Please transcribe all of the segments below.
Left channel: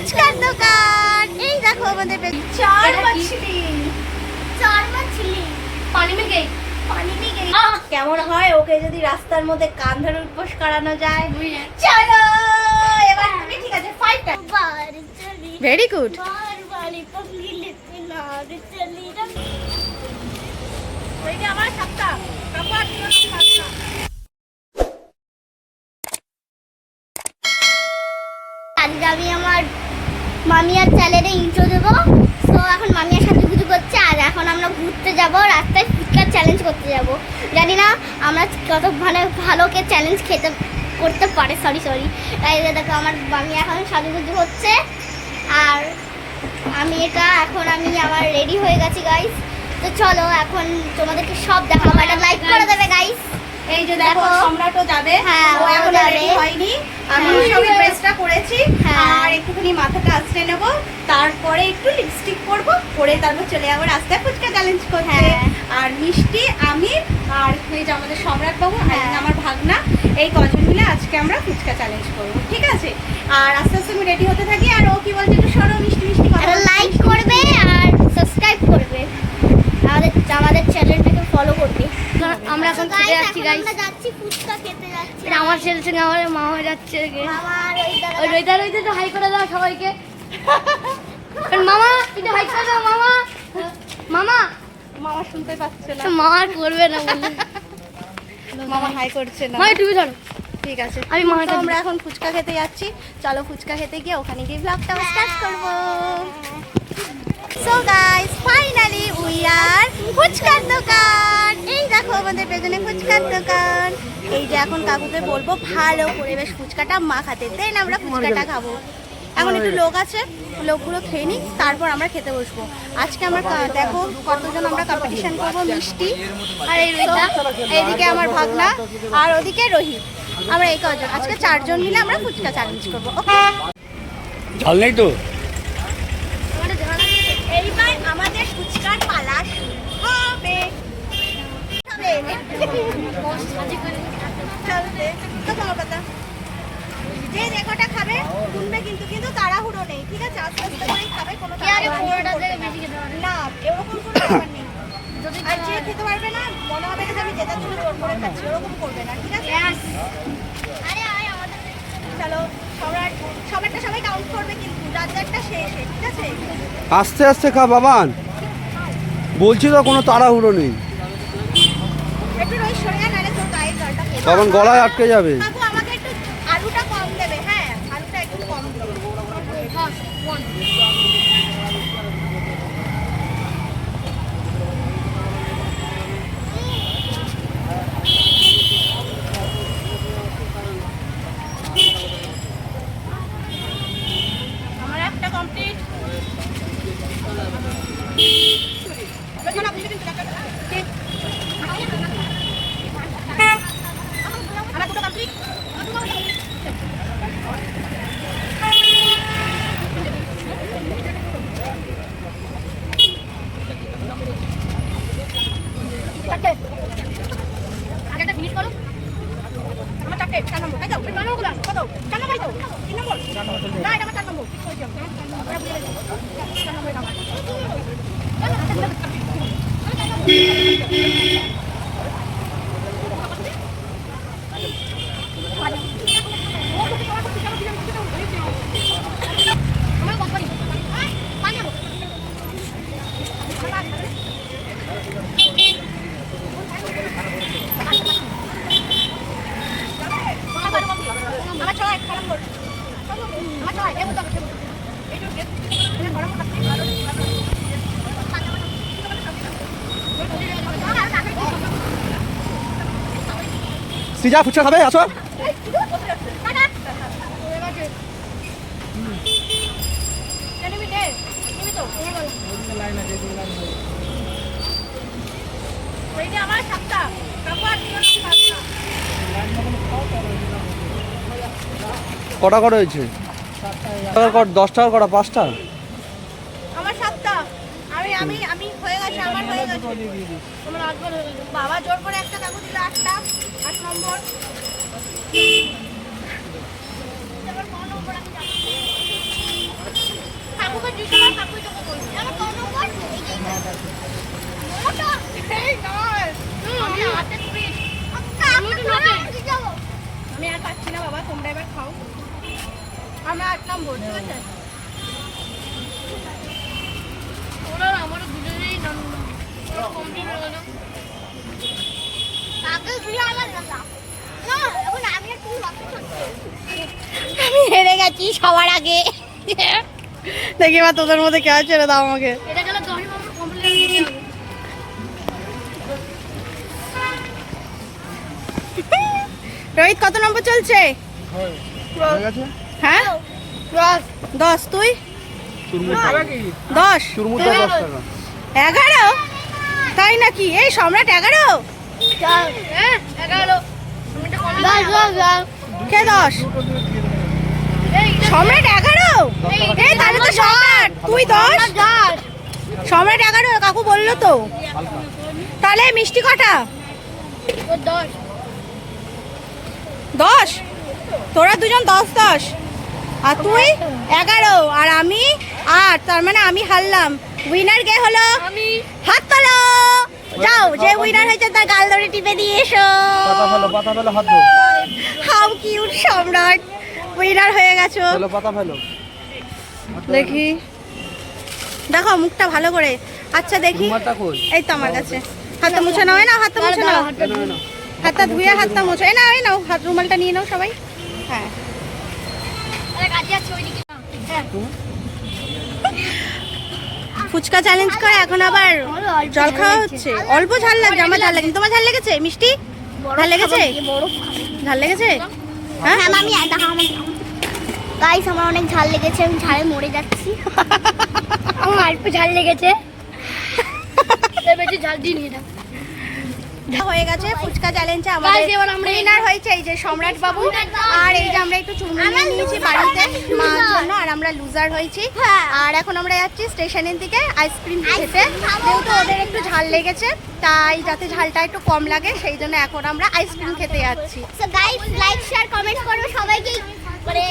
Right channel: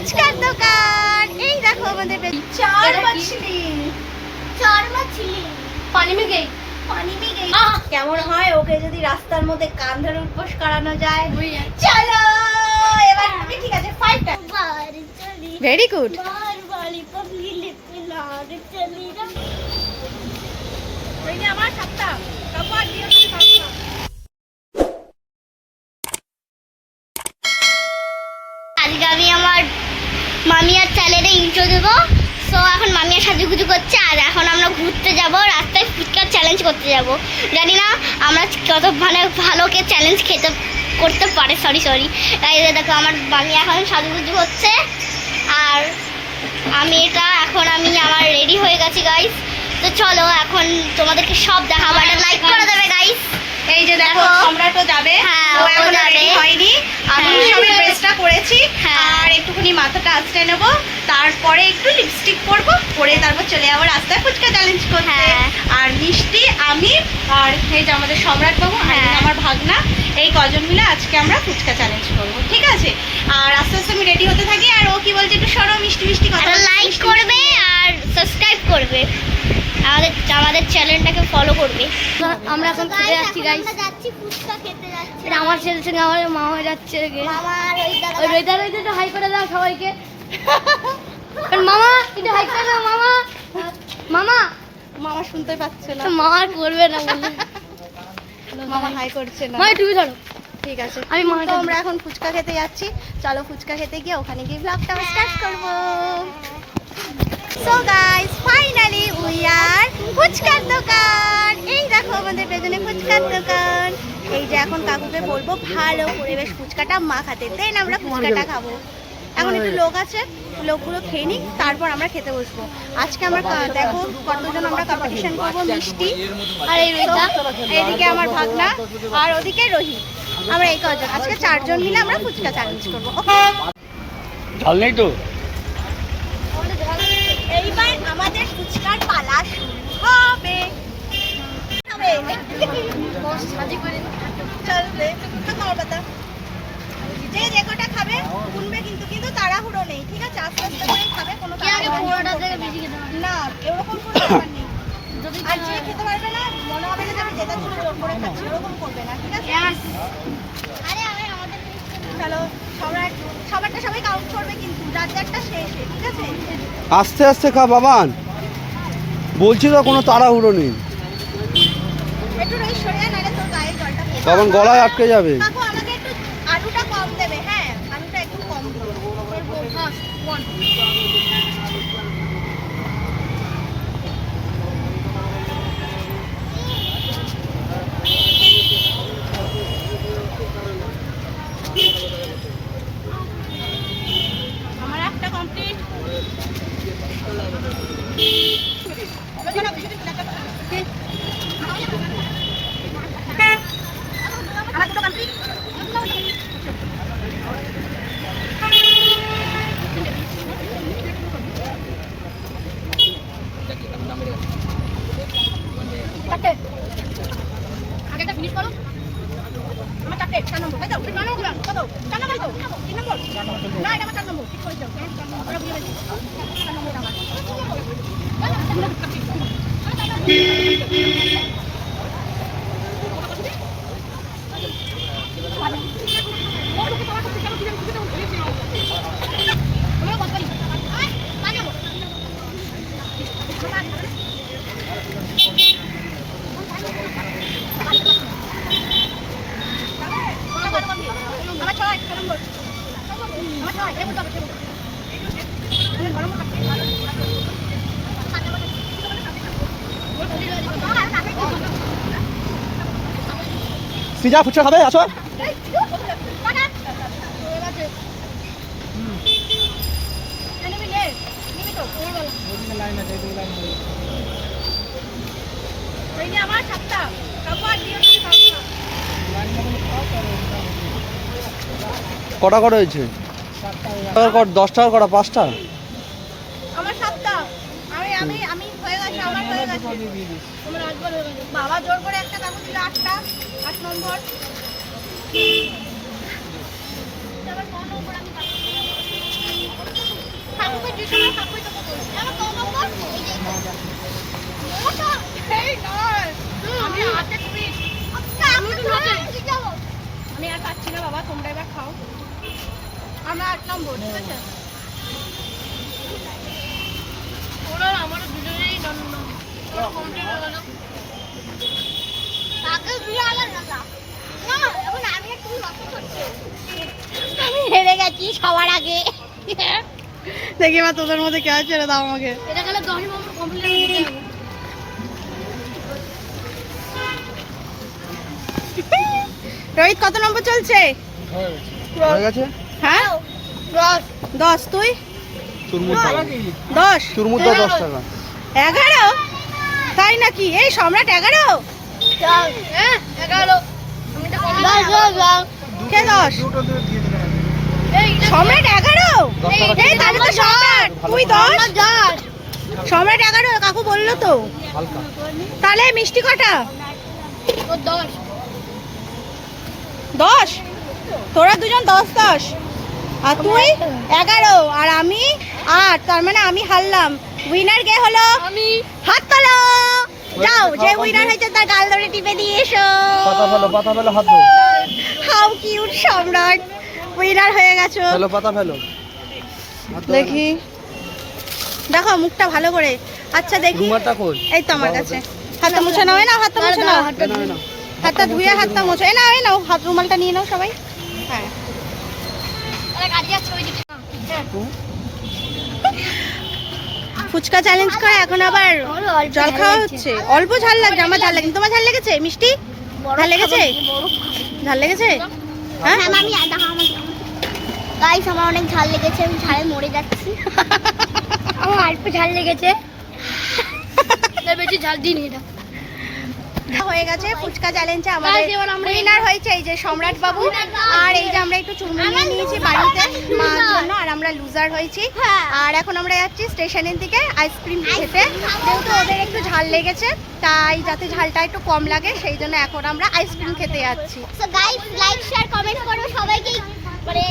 ফুচকার দোকান। এই দেখো আমাদের चार मछली पानी में गई কেমন হয় ওকে যদি রাস্তার মধ্যে কান ধরে উপোস করানো যায়। চলো এবার তুমি ঠিক আছে ফাইট बाहर चली ভেরি গুড। बाहर वाली पगली लेते लाग चली এই যে আমার সাতটা কাপড় দিও সাতটা। আজকে আমি আমার মামিয়ার চ্যানেলে ইন্ট্রো দেবো। সো এখন মামিয়ার সাজুগুজু করছে আর এখন আমরা ঘুরতে যাব, রাস্তায় ফুচকার চ্যালেঞ্জ করতে যাব। জানি না আমরা কত ভালোকে চ্যালেঞ্জ করতে পারে। সরি তাই দেখো আমার মামি এখন সাজুগুজু হচ্ছে আর আমি আমার রেডি হয়ে গেছি গাইস। তো চলো এখন তোমাদেরকে সব দেখাবো। একটা লাইক করে দেবে গাইস। এই যে দেখো সম্রাটও যাবে। হ্যাঁ, ও ও এখনো যাবে। রেডি হয়নি। আমি হ্যাঁ। সবে ড্রেসটা করেছি হ্যাঁ। আর একটুখানি মাথাটা আঁচড়ে নেব, তারপরে একটু লিপস্টিক পরবো, পরে তারপর চলে যাবো রাস্তায় ফুচকা চ্যালেঞ্জ করতে। হ্যাঁ। আর মিষ্টি আমি আর এই যে আমাদের সম্রাট বাবু আর হ্যাঁ। আমার ভাগনা, এই কজন মিলে আজকে আমরা ফুচকা চ্যালেঞ্জ করবো, ঠিক আছে? আর আস্তে আস্তে আমি রেডি হতে থাকি। আর ও কি বলছে একটু সরো, মিষ্টি মিষ্টি কথা একটা বলছে, লাইক মিষ্টি করবে আর সাবস্ক্রাইব করবে, আমাদের চ্যানেলটাকে ফলো করবে। আমরা এখন খেতে যাচ্ছি গাইস। এটা আমার ছেলের সঙ্গে আমার মামা যাচ্ছে। ওই রইতে তো হাই করে দাও সবাইকে। মামা একটু হাই করে দাও মামা। মামা মামা শুনতে পাচ্ছে না, মামা আর করবে না বলে মামা হাই করছে না। মা তুমি ধরো। ঠিক আছে, আমি মাকে তো আমরা এখন ফুচকা খেতে যাচ্ছি। চলো ফুচকা খেতে গিয়ে ওখানে গিয়ে ব্লগটা স্টার্ট করব। So guys finally we are ফুচকার দোকান। এই দেখো আমাদের পেছনে ফুচকার দোকান। এই যে এখন কাকুকে বলবো ভালো করে বেশ ফুচকাটা মাখাতে, দেন আমরা ফুচকাটা খাবো। এখন একটু লোক আছে, লোকগুলো খেয়ে নিই, তারপর আমরা খেতে বসবো। আজকে আমরা দেখো কতজন আমরা কম্পিটিশন করবো। মিষ্টি আর এইদিকে আমার ভাগনা আর ওদিকে রোহিত, আমরা এই কজন আজকে 4 জন মিলে আমরা ফুচকা চ্যালেঞ্জ করবো। ওকে, ঝাল নেই তো? এইবার আমাদের ফুচকার পালা শুরু হবে। চলবে তো খাওয়া পাতা, যে যে কটা খাবে শুনবে, কিন্তু কিন্তু তাড়াহুড়ো নেই, ঠিক আছে? আস্তে আস্তে করে খাবে, কোনো না এরকম কোনো ব্যাপার নেই। আর যে খেতে পারবে না মনে হবে যে আমি জেতার জন্য জোর করে খাচ্ছি, ওরকম করবে না, ঠিক আছে? চলো সবারটা সবাই কাউন্ট করবে, কিন্তু যাত্রাটা শেষে, ঠিক আছে? আস্তে আস্তে খা বাবান, বলছি তো কোনো তাড়াহুড়ো নেই, একটু রোজ সরে নালে তোর গায়ের জলটা পড়বে। তখন গলায় আটকে যাবে। কাকু আমাকে একটু আলুটা কম দেবে, হ্যাঁ আলুটা একটু কম দেবে। আমার একটা কমপ্লিট। আমার দুটো কমপ্লিট। আগেটা ফিনিশ করো। আমার 4টে 4 নম্বর, তাই তো? 4 নম্বর কত? 4 নম্বর তো? 3 নম্বর? না এটা আমার 4 নম্বর। 4 নম্বর আমার। আমার কত পারি? 5 নম্বর। আমার 6 নম্বর। আমার 6 এর মধ্যে আছে। সিজা ফুচকা খাবে, আসো। আমার 7টা কটা করে হয়েছে? 10 টাকা কটা? 5টা? আমার 7টা। আমি আমি হয়ে গেছে, আমার হয়ে গেছে। আমার 8বার হয়ে গেছে। বাবা জোর করে একটা কাগজ দিল 8টা, 8 নম্বর। আমার 9 নম্বর আমি যাচ্ছি। যদি সময় কাকুই তোকে বলবি আমার কত নম্বর মোটা এই নয় আমি হাতে তুমি আমি যাব আমি আর পাচ্ছি না বাবা, তোমরা এবার খাও। আমরা 1 নম্বর ঠিক আছে ওরা আমারও দুজনেই নন্দ ওরা কমপ্লিট হয়ে গেল তাকে দিয়ে আলাদা না এখন আমি তুমি বাকি করছো আমি হেরে গেছি সবার আগে দেখি মা তোদের মধ্যে কে ছেড়ে দাও আমাকে। এটা গেলে 10 নম্বর কমপ্লিট হয়ে যাবে রোহিত কত নম্বর চলছে? হয়ে গেছে হ্যাঁ 10। তুই চুরমুর 10 চুরমুর 10 টাকা 11? তাই নাকি? এই সম্রাট 11? হ্যাঁ 11 আমি তো কে 10? সম্রাট 11? এই তাহলে তো সম্রাট তুই 10 সম্রাট 11 কাকু বললো তো। হালকা তাহলে মিষ্টি কটা? ও 10 10? তোরা দুজন 10 আর তুই 11 আর আমি 8, তার মানে আমি হারলাম। উইনার কে হলো? আমি হাত তোলো। যাও, যে উইনার হয়েছে তার গাল ধরে টিপে দিয়ে এসো। পাতা ফেলো হাত ধরো হাউ কিউট সম্রাট, উইনার হয়ে গেছো। ফেলো পাতা ফেলো দেখি, দেখো মুখটা ভালো করে। আচ্ছা দেখি, রুমালটা কই? এই তো আমার কাছে। হাতটা মুছে নাও, এই নাও হাতটা মুছে নাও, হাতটা ধুয়ে হাতটা মুছে। এই নাও, এই নাও হাত রুমালটা নিয়ে নাও সবাই। হ্যাঁ, তাহলে গাড়ি আছে ওইদিকে ফুচকা চ্যালেঞ্জ করে এখন আবার জল খাওয়া হচ্ছে। অল্প ঝাল লাগছে, আমার ঝাল লাগেনি। তোমার ঝাল লেগেছে মিষ্টি? ঝাল লেগেছে? ঝাল লেগেছে? হ্যাঁ আমি গাইস আমার অনেক ঝাল লেগেছে, আমি ঝালে মরে যাচ্ছি আমার অল্প ঝাল লেগেছে বেশি ঝাল দিই না হয়ে গেছে ফুচকা চ্যালেঞ্জে আমাদের Guys, এবার আমরা উইনার হয়েছে এই যে সম্রাট বাবু। আর এই যে আমরা একটু চুরমুর নিয়ে নিয়েছি বাড়িতে মার জন্য, আর আমরা লুজার হয়েছি। আর এখন আমরা যাচ্ছি স্টেশনের দিকে আইসক্রিম খেতে, যেহেতু ওদের একটু ঝাল লেগেছে, তাই যাতে ঝালটা একটু কম লাগে সেই জন্য এখন আমরা আইসক্রিম খেতে যাচ্ছি। So guys like share comment করো সবাইকে, মানে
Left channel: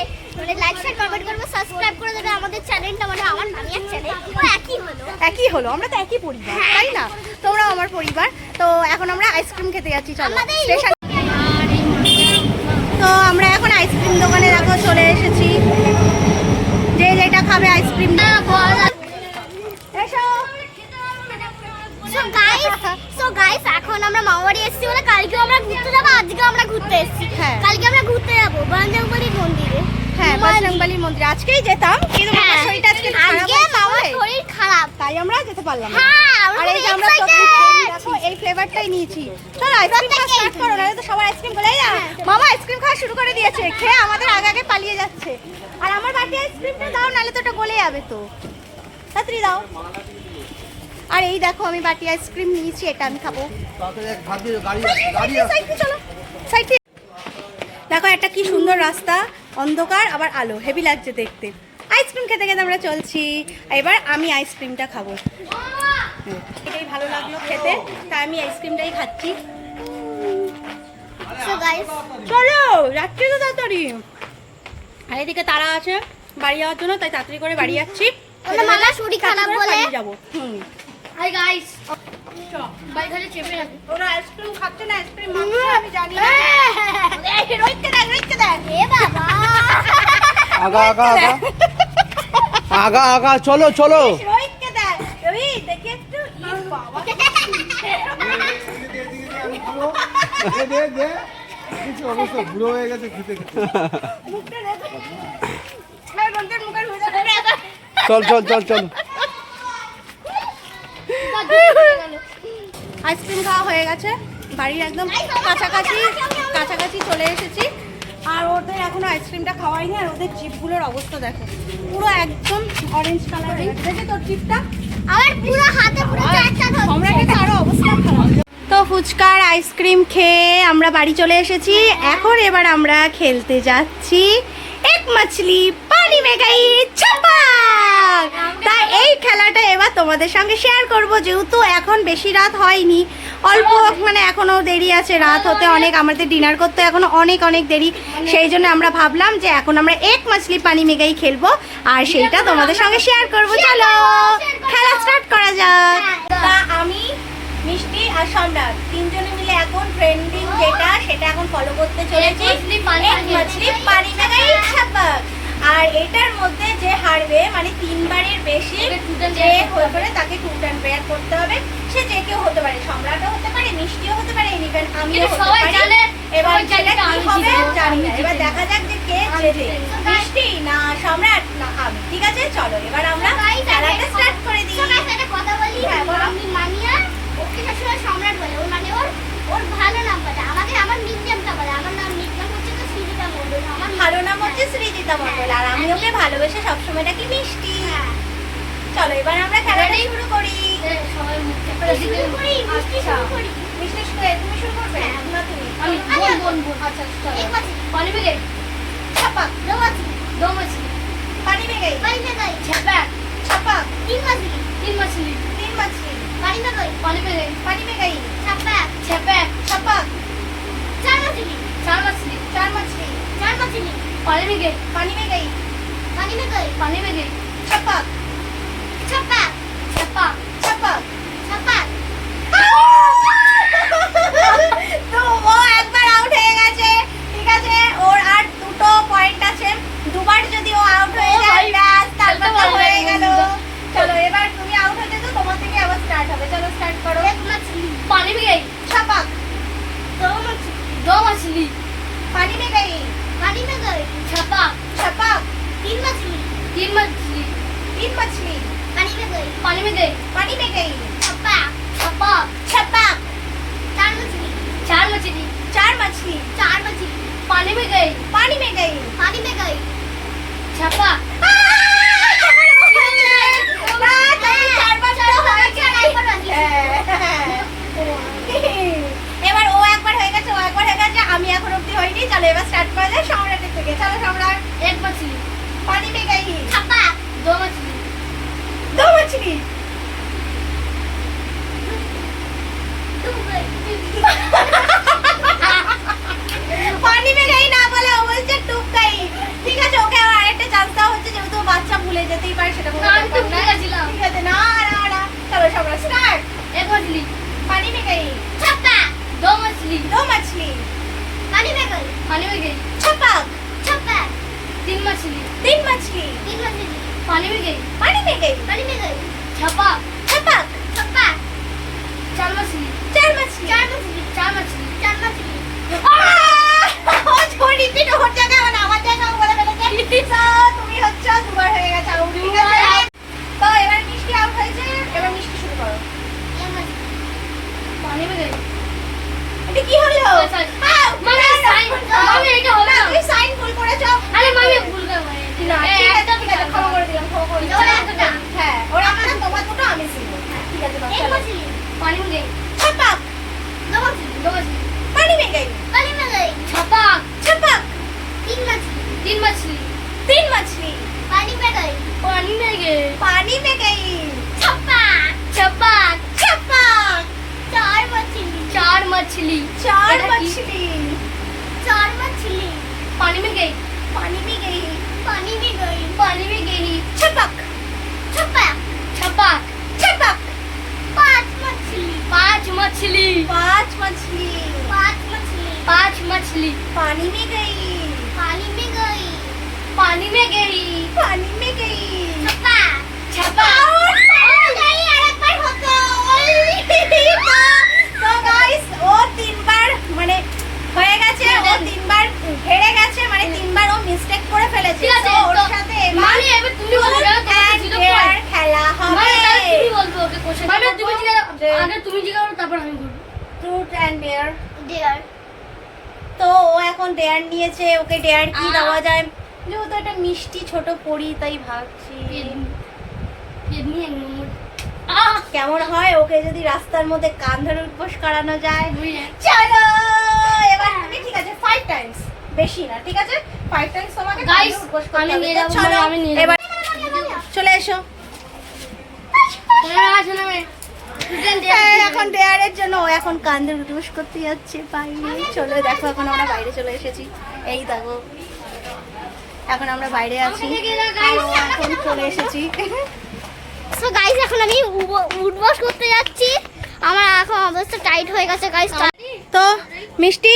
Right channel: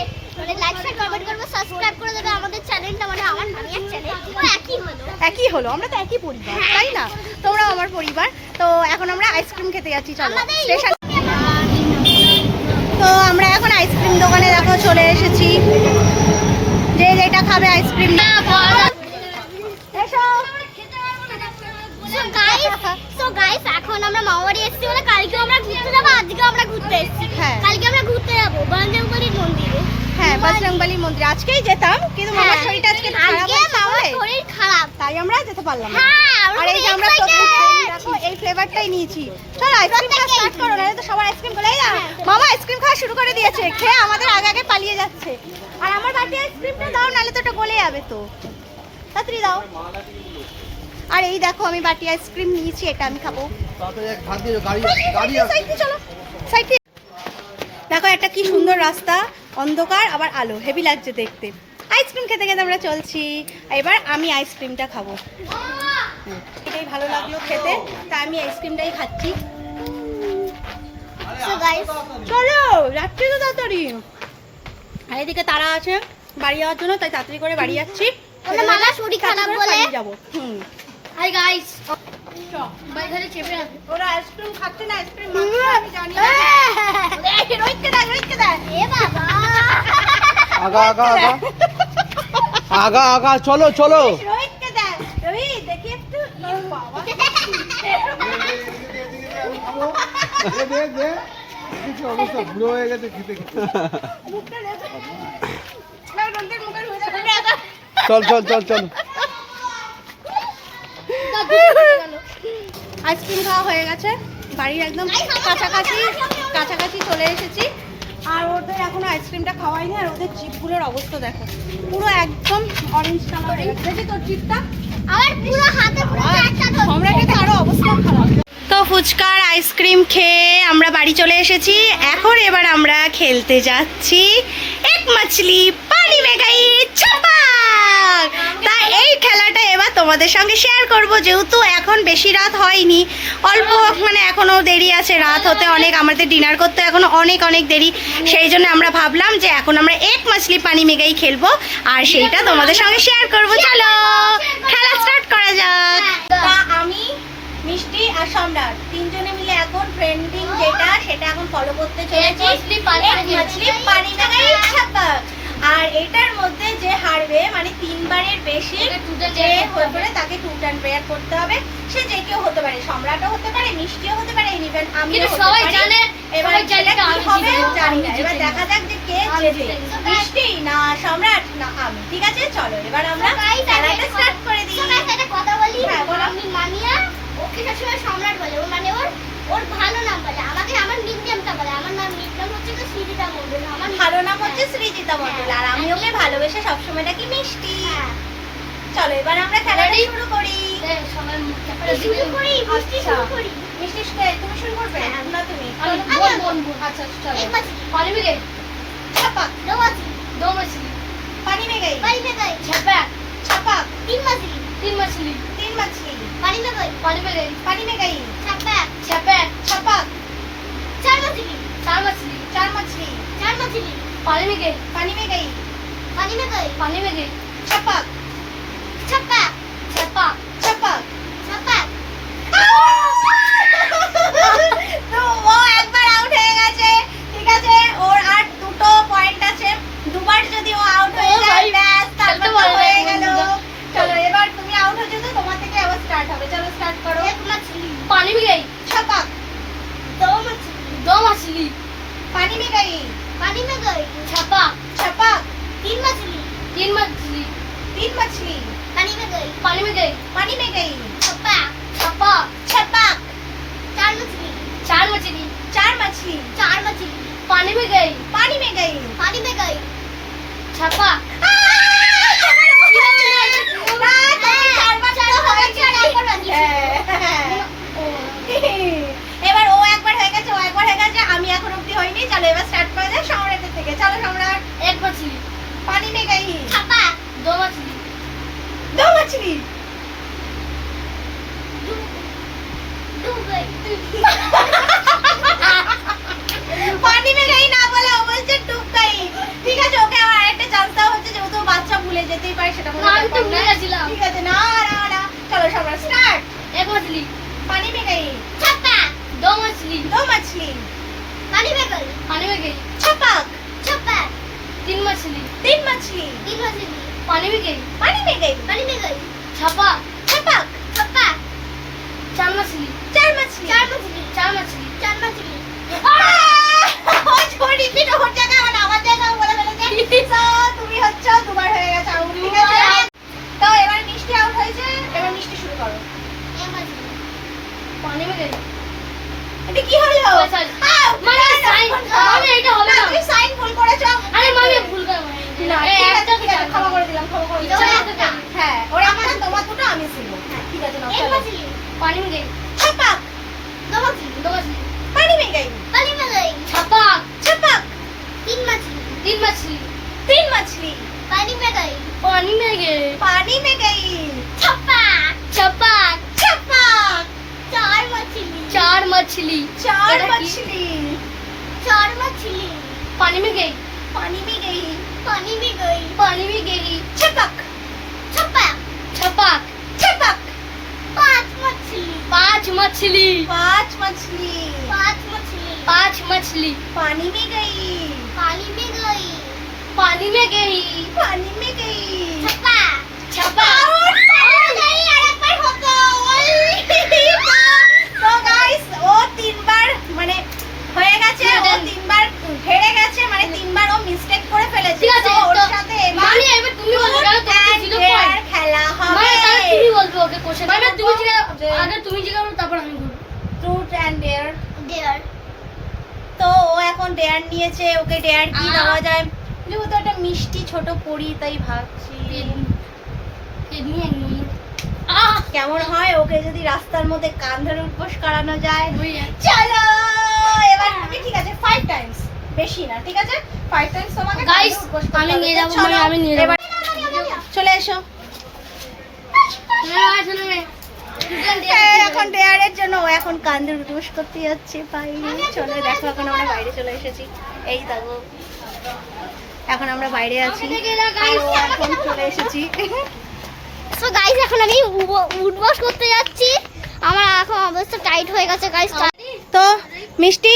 লাইক শেয়ার কমেন্ট করবে, সাবস্ক্রাইব করে দেবে আমাদের চ্যানেলটা, মানে আমার নানির চ্যানেল একই হলো, আমরা তো একই পরিবার তাই না? তোমরাও আমার পরিবার। তো এখন আমরা আইসক্রিম খেতে যাচ্ছি, চলো স্টেশন। তো আমরা এখন আইসক্রিম দোকানে দেখো চলে এসেছি, যে যেটা খাবে আইসক্রিম। এসো। সো গাইস এখন আমরা মামাবাড়ি এসেছি বলে কালকে আমরা ঘুরতে যাবো, আজকে আমরা ঘুরতে এসেছি। হ্যাঁ। কালকে আমরা ঘুরতে যাবো বজরংবলীর মন্দিরে। হ্যাঁ, বজরংবলী মন্দির আজকেই যেতাম, কিন্তু মামার শরীরটা আজকে খারাপ হয়েছে বলে শরীর খারাপ, তাই আমরা যেতে পারলাম না। হ্যাঁ, আর এই যে আমরা দেখো এই ফ্লেভারটাই নিয়েছি। চলো আইসক্রিম খাওয়া স্টার্ট করো, নাহলে তো সবাই আইসক্রিম বলেই না। মামা আইসক্রিম খাওয়া শুরু করে দিয়েছে, খেয়ে আমাদের আগে আগে পালিয়ে যাচ্ছে। আর আমার বাটি আইসক্রিমটা দাও, নাহলে তো ওটা গলে যাবে। তো তাড়াতাড়ি দাও। আর এই দেখো আমি বাটি আইসক্রিম নিয়েছি, এটা আমি খাবো। তাড়াতাড়ি এক হাত ধরে গাড়ি সাইডে চলো, সাইডে। দেখো একটা কি সুন্দর রাস্তা, অন্ধকার আবার আলো, হেভি লাগছে দেখতে। আইসক্রিম খেতে খেতে আমরা চলছি। এবার আমি আইসক্রিমটা খাবো, এটাই ভালো লাগলো খেতে, তাই আমি আইসক্রিমটাই খাচ্ছি। সো গাইস চলো যাচ্ছি তো তাড়াতাড়ি। আর এদিকে তারা আছে বাড়ি যাওয়ার জন্য, তাই তাড়াতাড়ি করে বাড়ি যাচ্ছি। ওটা মামার শরীর খারাপ বলে যাবো। হাই গাইস বাইরে চেপে রাখো। ওরা আইসক্রিম খাচ্ছে না, আইসক্রিম মাখছে আমি জানি না। এই রোহিতকে দেখ, রোহিতকে দেখ। এ বাবা আগা আগা আগা আগা আগা চলো চলো রোহিতকে দেখ, রোহিত দেখি একটু। বাবা বুড়ো হয়ে গেছে খেতে মুখটা দেখো। এই রোহিতের মুখের ভিতরে চল চল চল চল আইসক্রিম খাওয়া হয়ে গেছে, বাড়ির একদম কাছাকাছি চলে এসেছি। আর ওদের এখনো আইসক্রিমটা খাওয়াইনি, আর ওদের জিভগুলোর অবস্থা দেখো, পুরো একদম অরেঞ্জ কালার হয়ে গেছে। দেখি তোর জিভটা, আমার পুরো হাতে পুরো চারটা সম্রাটের তো আরো অবস্থা খারাপ। তো ফুচকার আইসক্রিম খেয়ে আমরা বাড়ি চলে এসেছি। এখন এবার আমরা খেলতে যাচ্ছি এক মাছলি পানি মে গাই ছপাক। তাই এই খেলাটা এবার তোমার তোমাদের সঙ্গে শেয়ার করব, যেহেতু এখন বেশি রাত হয়নি, অল্প মানে এখনও দেরি আছে রাত হতে অনেক, আমাদের ডিনার করতে এখনও অনেক অনেক দেরি। সেই জন্য আমরা ভাবলাম যে এখন আমরা এক মাছলি পানি মেঘাই খেলবো আর সেইটা তোমাদের সঙ্গে শেয়ার করব। চলো খেলা স্টার্ট করা যাক। তা আমি, মিষ্টি আর সম্রাট তিনজনে মিলে এখন ট্রেন্ডিং যেটা সেটা এখন ফলো করতে চলেছি, এক মাছলি পানি মেঘাই ছাপাক। আর এটার মধ্যে যে হারবে মানে 3 বারের বেশি যে হয়ে পড়ে তাকে টুট অ্যান্ড প্রেয়ার করতে হবে। সে যে কেউ হতে পারে, সম্রাটও হতে পারে, মিষ্টিও হতে পারে, ইভেন আমিও হতে পারি। এবার যেটা কি হবে জানি না, এবার দেখা যাক যে কে জেতে, মিষ্টি না সম্রাট না আমি। ঠিক আছে চলো এবার আমরা খেলাটা স্টার্ট করে দিই। একটা কথা বলি, হ্যাঁ, বলো। আমি মামিয়া ওকে সবসময় সম্রাট বলে, ওর মানে ওর ভালো নাম বলে, আমাকে আমার নিকনেমটা বলে। আমার নাম নিকনেম হচ্ছে তো সৃজিতা মণ্ডল। আমার ভালো নাম হচ্ছে সৃজিতা মণ্ডল আর আমি ওকে ভালোবেসে সবসময় ডাকি মিষ্টি। হ্যাঁ। চলো এবার আমরা খেলাটা শুরু করি। সবাই মুখটা শুরু করি, মিষ্টি শুরু করি। মিষ্টি তুমি শুরু করবে না তুমি? আচ্ছা চলো। एक मछली पानी में गई छपक, दो मछली पानी में गई छपक छपक, तीन मछली तीन मछली पानी में गई पानी में गई छपक छपक, चार मछली चार मछली पानी में गई पानी में गई छपक छपक छपक छपक তো ও একবার আউট হয়ে গেছে। ঠিক আছে, ওর আর দুটো পয়েন্ট আছে, দুবার যদি ও আউট হয়ে যায় ব্যাস তারপর তো হয়ে গেল। চলো এবার তুমি আউট হয়ে গেছো, তোমার থেকে আবার স্টার্ট হবে। চলো স্টার্ট করো। एक मछली पानी में गई छपक, दो मछली पानी में गई छपक छपक, तीन मछली तीन मछली पानी में गई पानी में गई छपक छपक, चार मछली पानी में गई छपक এবার ও একবার হয়ে গেছে, আমি এখন অব্দি হয়নি। চলো এবার স্টার্ট করা যায় সম্রাটের থেকে। চলো সম্রাট। एक मछली पानी में गई छपक दो मछली डूब गई पानी में गई না বলে ও বলছে ডুব গই। ঠিক আছে, ওকে আর একটা চান্স দেওয়া হচ্ছে, যেহেতু ও বাচ্চা ভুলে যেতেই পারে সেটা কোনো না, আমি তো ব্যাপার ভুলে না। গেছিলাম। ঠিক আছে, না চলো সম্রাট স্টার্ট। एक मछली पानी में गई छपक दो मछली दो मछली पानी में गई छपक छपक तीन मछली पानी में गई छपक छपक चार मछली छोड़ी थी तो हो जाएगा और आवाज जाएगा बोला ফেলেছে। তুমি হচ্ছে দুবার হয়ে গেছে আউট। ঠিক আছে, তো এবার মিষ্টি আউট হয়েছে, এবার মিষ্টি শুরু করো। एक मछली এটা কি হলো? মানে sign- মানে এটা হবে না। তুমি সাইন ভুল করেছো। আরে মামি ভুল করে না, ঠিক আছে, ঠিক আছে, ক্ষমা করে দিলাম। ওর একটা। হ্যাঁ, ওর একটা, তোমার দুটো, আমি ছিল। ঠিক আছে, নাও, एक চলো। मछली पानी में गई छपक दो मछली पानी में गई पानी में गई छपक तीन मछली तीन मछली पानी में गई पानी में गई छपक छपक चार मछली चार मछली पानी में गई छपक छपक पांच मछली पांच मछली पानी में गई पानी में गई छपक তো গাইস ও তিনবার মানে হয়ে গেছে, ও তিনবার হেরে গেছে, মানে তিনবার ও মিস্টেক করে ফেলেছে। ঠিক আছে, তো ওর তো সাথে মানে এবার তুমি বলবে, কারণ তোমার তো zero point। খেলা হবে মানে তাহলে তুমি বলবে ওকে কোশ্চেন আগে তুমি আগে তুমি জিজ্ঞাসা তারপর আমি বলবো ট্রুথ এন্ড ডেয়ার। দেয়ার তো ও এখন ডেয়ার নিয়েছে, ওকে ডেয়ার কি দেওয়া যায়, যেহেতু একটা মিষ্টি ছোট পরি তাই ভাবছি কিডনি এক নম্বর কেমন হয় ওকে যদি রাস্তার মধ্যে কান ধরে উঠবোস করানো যায়। দুই চলো এবার তুমি, ঠিক আছে, 5 টাইমস, বেশি না, ঠিক আছে, 5 টাইমস তোমাকে কান Guys, ধরে উঠবোস করতে আমি হবে। নিয়ে যাবো, চলো, আমি নিয়ে যাবো। এবার চলে এসো। এখন ডেয়ারের জন্য ও এখন কান্দে উঠবস করতে যাচ্ছে বাইরে। চলো দেখো এখন আমরা বাইরে চলে এসেছি। এই দেখো এখন আমরা বাইরে আছি আর ও এখন চলে এসেছি। সো গাইস এখন আমি উঠবস করতে যাচ্ছি। আমার এখন অবস্থা টাইট হয়ে গেছে গাইস। তো মিষ্টি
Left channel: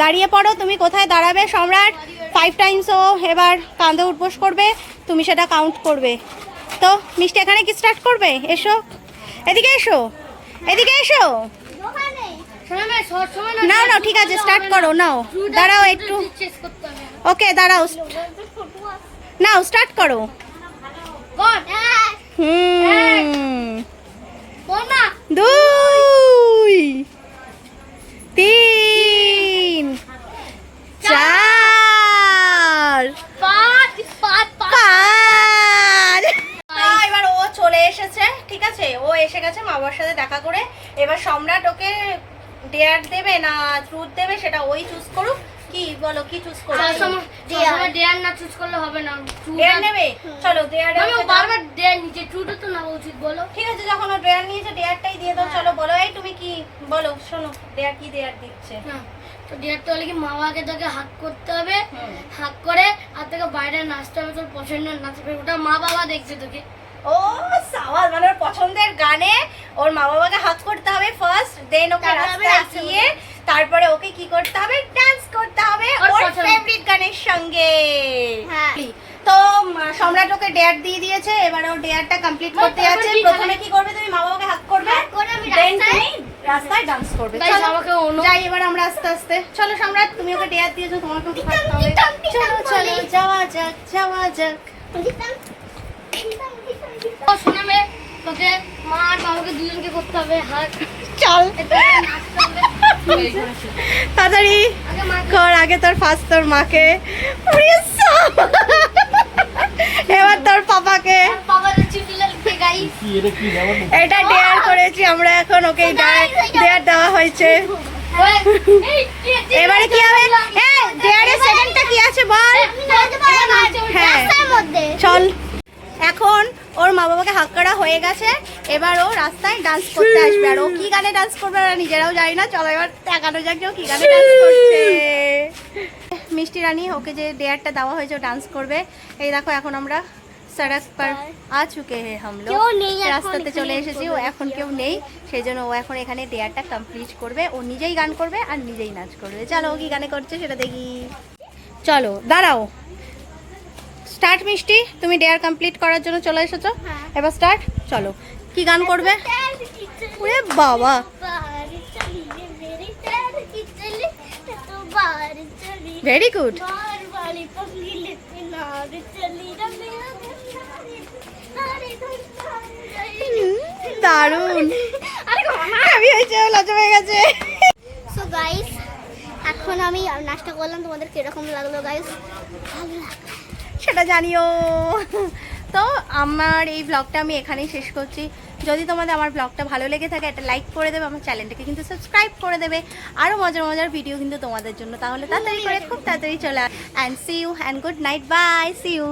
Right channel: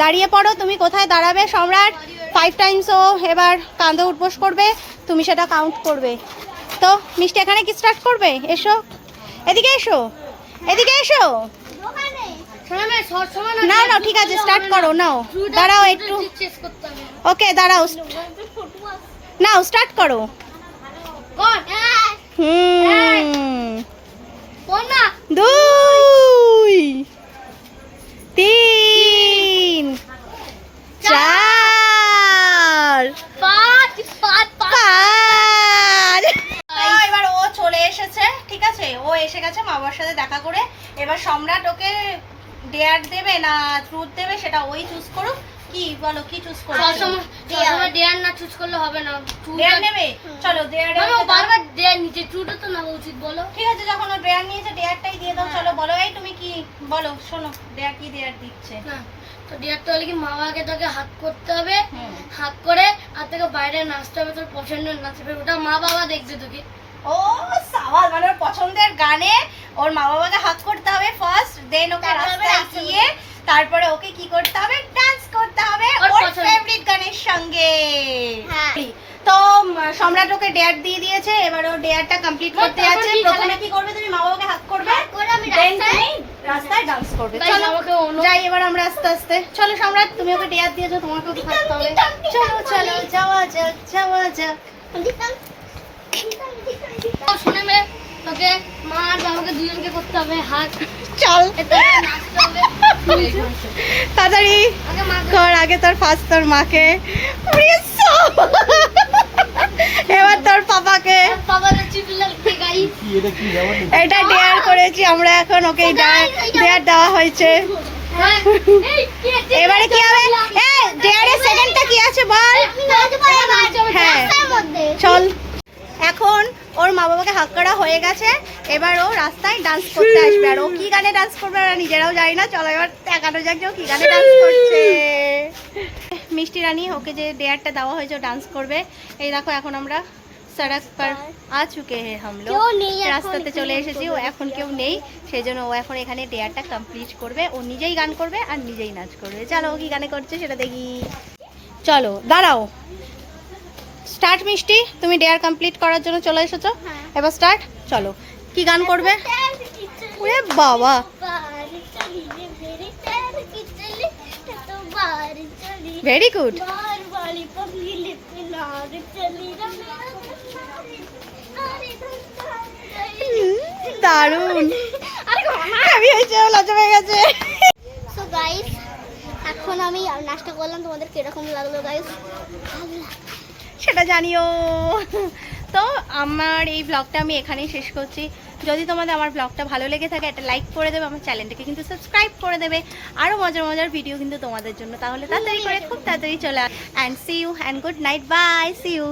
দাঁড়িয়ে পড়ো, তুমি কোথায় দাঁড়াবে? সম্রাট 5 টাইমস ও এবার কাঁধে উঠবস করবে, তুমি সেটা কাউন্ট করবে। তো মিষ্টি এখানে কি স্টার্ট করবে? এসো এদিকে, এসো এদিকে, এসো। নাও নাও ঠিক আছে, স্টার্ট করো। নাও দাঁড়াও একটু, ওকে দাঁড়াও, নাও স্টার্ট করো। দুই, তিন, চার, পাঁচ। এবার ও চলে এসেছে, ঠিক আছে, ও এসে গেছে মা বাবার সাথে দেখা করে। এবার সম্রাট ওকে ডেয়ার দেবে না ট্রুথ দেবে সেটা ওই চুজ করুক। কি বলো, কি চুজ করবে? ডেয়ার না চুজ করলে হবে না। ডেয়ার নেবে, চলো ডেয়ার। বারবার ডেয়ার নিচে ট্রুথ তো নেওয়া উচিত বলো। ঠিক আছে, যখন ও ডেয়ার নিয়েছে ডেয়ারটাই দিয়ে দাও। চলো বলো, এই তুমি কি বলো, শোনো ডেয়ার কি ডেয়ার দিচ্ছে। হ্যাঁ, তো ডেয়ারটা হলে কি মা বাবাকে তোকে হাক করতে হবে, হাক করে আর তোকে বাইরে নাচতে হবে, তোর পছন্দের নাচবে, ওটা মা বাবা দেখবে তোকে। ও সাওয়াল, মানে ওর পছন্দের গানে ওর মা বাবাকে হাক করতে হবে ফার্স্ট, দেন ওকে রাস্তায় গিয়ে তারপরে ওকে কি করতে হবে? ডান্স করতে হবে ওর ফেভারিট গানের সঙ্গে। তো সম্রাট ওকে ডেয়ার দিয়ে দিয়েছে, এবারে ও ডেয়ারটা কমপ্লিট করতে যাচ্ছে। প্রথমে কি করবে? তুমি মা বাবাকে হাক করবে, দেন তুমি রাস্তায় ডান্স করবে। চলো যাই এবার আমরা আস্তে আস্তে। চলো সম্রাট, তুমি ওকে ডেয়ার দিয়েছো, তোমাকে ওকে হাঁকতে হবে। চলো চলো যাওয়া যাক, যাওয়া যাক। শুনে মে তোকে মা আর বাবাকে দুজনকে করতে হবে হাক। চল তাড়াতাড়ি কর, আগে তোর ফার্স্ট তোর মাকে, এবার তোর পাপাকে। বাবাদের চিঠি গাইস, এটা ডেয়ার করেছি আমরা, এখন ওকে ডেয়ার দেওয়া হয়েছে। এবারে কি হবে? ডেয়ারের সেকেন্ডটা কি আছে বল? হ্যাঁ চল। এখন ওর মা বাবাকে হাক করা হয়ে গেছে, এবার ও রাস্তায় ডান্স করতে আসবে। আর ও কি গানে ডান্স করবে ওরা নিজেরাও জানি না। চলো এবার দেখানো যাক যে ও কি গানে ডান্স করছে। মিষ্টি রানী ওকে যে ডেয়ারটা দেওয়া হয়েছে ও ডান্স করবে। এই দেখো এখন আমরা সড়ক পর আ চুকে হে হাম লোগ, রাস্তাতে চলে এসেছি। ও এখন কেউ নেই, সেই জন্য ও এখন এখানে ডেয়ারটা কমপ্লিট করবে। ও নিজেই গান করবে আর নিজেই নাচ করবে। চলো ও কি গানে করছে সেটা দেখি। চলো দাঁড়াও, স্টার্ট। মিষ্টি তুমি ডেয়ার কমপ্লিট করার জন্য চলে এসেছো, এবার স্টার্ট। চলো কি গান করবে? ওরে বাবা, ভেরি গুড, দারুণ। আমি হয়েছে, লজ্জা পেয়ে গেছে। সো গাইস এখন আমি নাচটা করলাম, তোমাদের কিরকম লাগলো গাইস? সেটা জানিও। তো আমার এই ব্লগটা আমি এখানেই শেষ করছি। যদি তোমাদের আমার ব্লগটা ভালো লেগে থাকে একটা লাইক করে দেবে, আমার চ্যানেলটাকে কিন্তু সাবস্ক্রাইব করে দেবে। আরও মজার মজার ভিডিও কিন্তু তোমাদের জন্য, তাহলে তাড়াতাড়ি করে খুব তাড়াতাড়ি চলে। And see you and good night, bye, see you.